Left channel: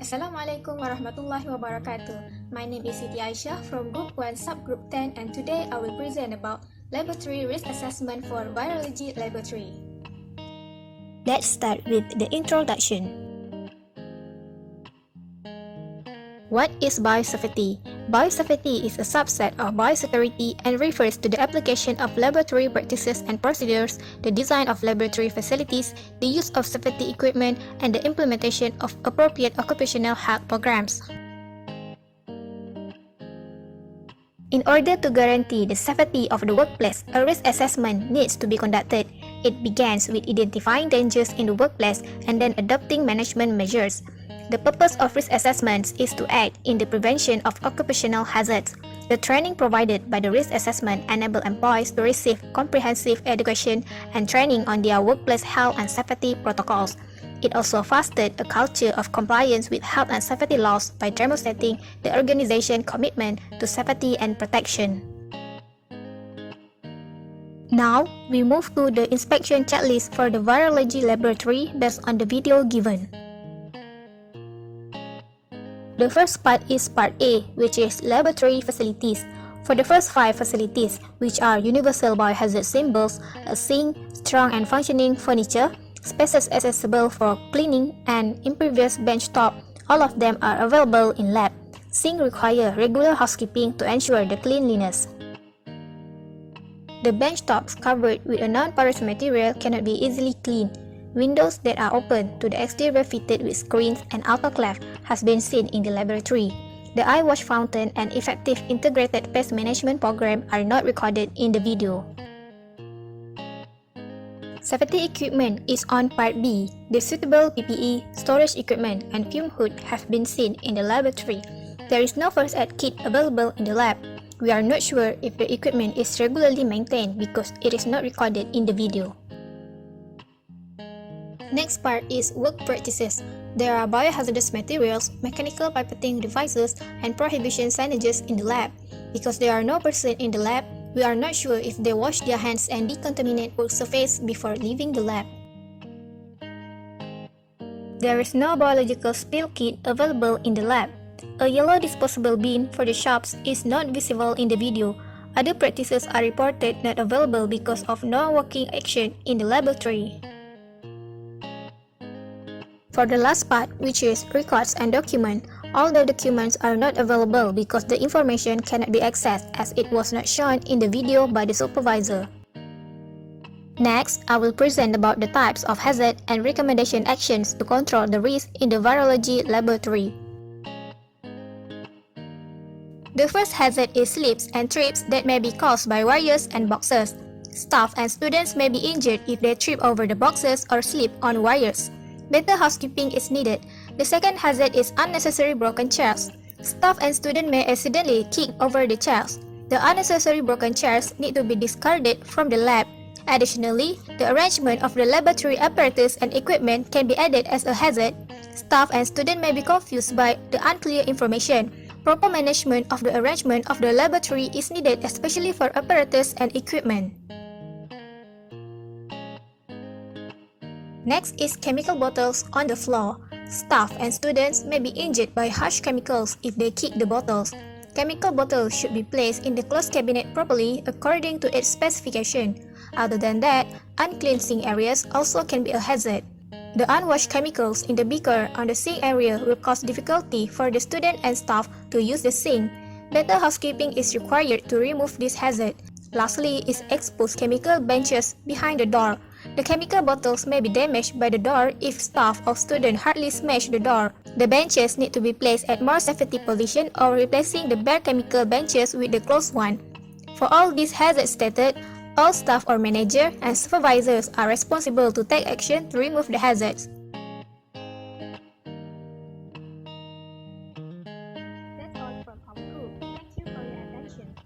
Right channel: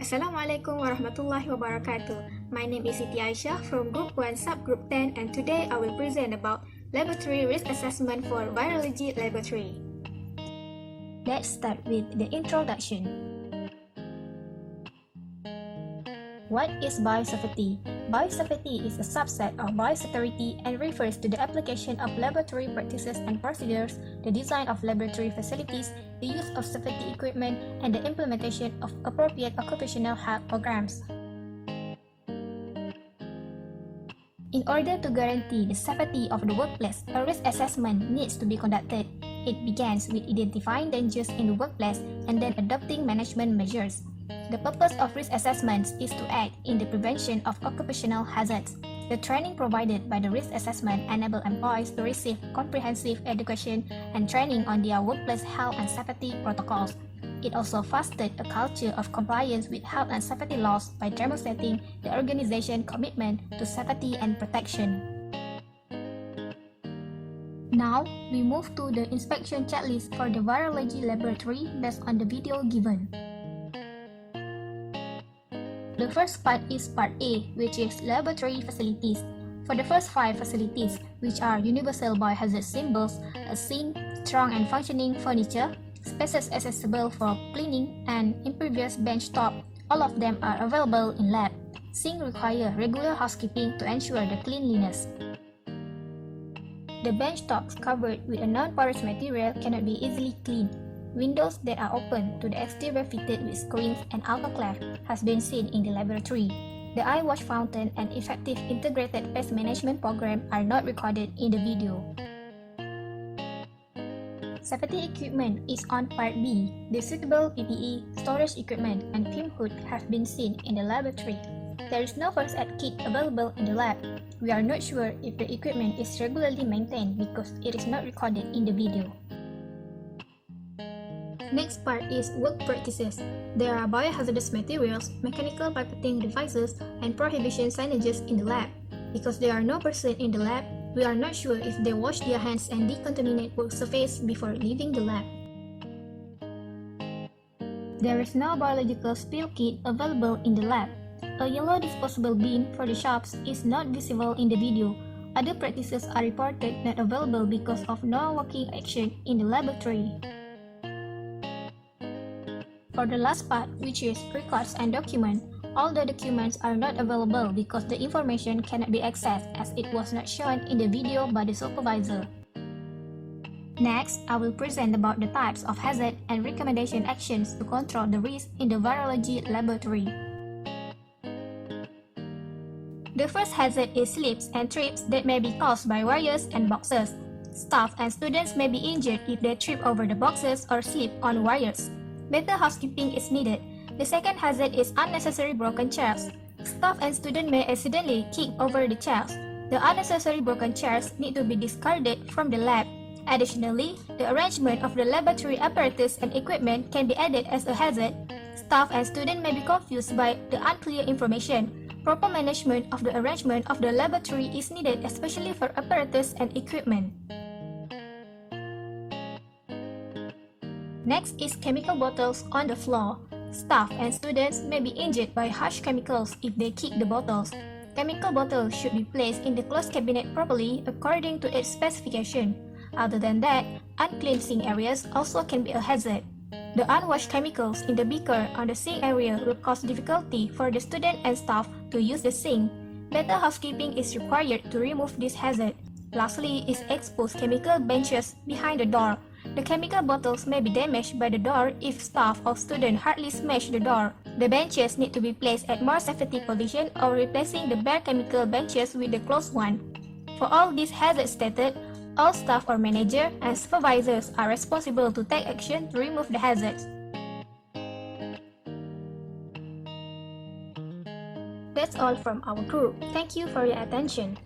Assalamualaikum warahmatullahi wabarakatuh. My name is Siti Aisyah from Group 1 Subgroup 10 and today I will present about Laboratory Risk Assessment for Virology Laboratory. Let's start with the introduction. What is biosafety? Biosafety is a subset of biosecurity and refers to the application of laboratory practices and procedures, the design of laboratory facilities, the use of safety equipment, and the implementation of appropriate occupational health programs. In order to guarantee the safety of the workplace, a risk assessment needs to be conducted. It begins with identifying dangers in the workplace and then adopting management measures. The purpose of risk assessments is to aid in the prevention of occupational hazards. The training provided by the risk assessment enables employees to receive comprehensive education and training on their workplace health and safety protocols. It also fostered a culture of compliance with health and safety laws by demonstrating the organization's commitment to safety and protection. Now, we move to the inspection checklist for the virology laboratory based on the video given. The first part is Part A, which is laboratory facilities. For the first 5 facilities, which are universal biohazard symbols, a sink, strong and functioning furniture, spaces accessible for cleaning, and impervious benchtop, all of them are available in lab. Sink require regular housekeeping to ensure the cleanliness. The benchtops covered with a non-porous material cannot be easily cleaned. Windows that are open to the exterior fitted with screens and autoclave has been seen in the laboratory. The eye wash fountain and effective integrated pest management program are not recorded in the video. Safety equipment is on Part B. The suitable PPE, storage equipment, and fume hood have been seen in the laboratory. There is no first aid kit available in the lab. We are not sure if the equipment is regularly maintained because it is not recorded in the video. Next part is work practices. There are biohazardous materials, mechanical pipetting devices, and prohibition signages in the lab. Because there are no person in the lab, we are not sure if they wash their hands and decontaminate work surface before leaving the lab. There is no biological spill kit available in the lab. A yellow disposable bin for the shops is not visible in the video. Other practices are reported not available because of no working action in the laboratory. For the last part, which is records and documents, all the documents are not available because the information cannot be accessed as it was not shown in the video by the supervisor. Next, I will present about the types of hazard and recommendation actions to control the risk in the virology laboratory. The first hazard is slips and trips that may be caused by wires and boxes. Staff and students may be injured if they trip over the boxes or slip on wires. Better housekeeping is needed. The second hazard is unnecessary broken chairs. Staff and students may accidentally kick over the chairs. The unnecessary broken chairs need to be discarded from the lab. Additionally, the arrangement of the laboratory apparatus and equipment can be added as a hazard. Staff and students may be confused by the unclear information. Proper management of the arrangement of the laboratory is needed, especially for apparatus and equipment. Next is chemical bottles on the floor. Staff and students may be injured by harsh chemicals if they kick the bottles. Chemical bottles should be placed in the closed cabinet properly according to its specification. Other than that, unclean sink areas also can be a hazard. The unwashed chemicals in the beaker on the sink area will cause difficulty for the student and staff to use the sink. Better housekeeping is required to remove this hazard. Lastly is exposed chemical benches behind the door. The chemical bottles may be damaged by the door if staff or students hardly smash the door. The benches need to be placed at more safety position or replacing the bare chemical benches with the closed one. For all these hazards stated, all staff or manager and supervisors are responsible to take action to remove the hazards. That's all from our group. Thank you for your attention.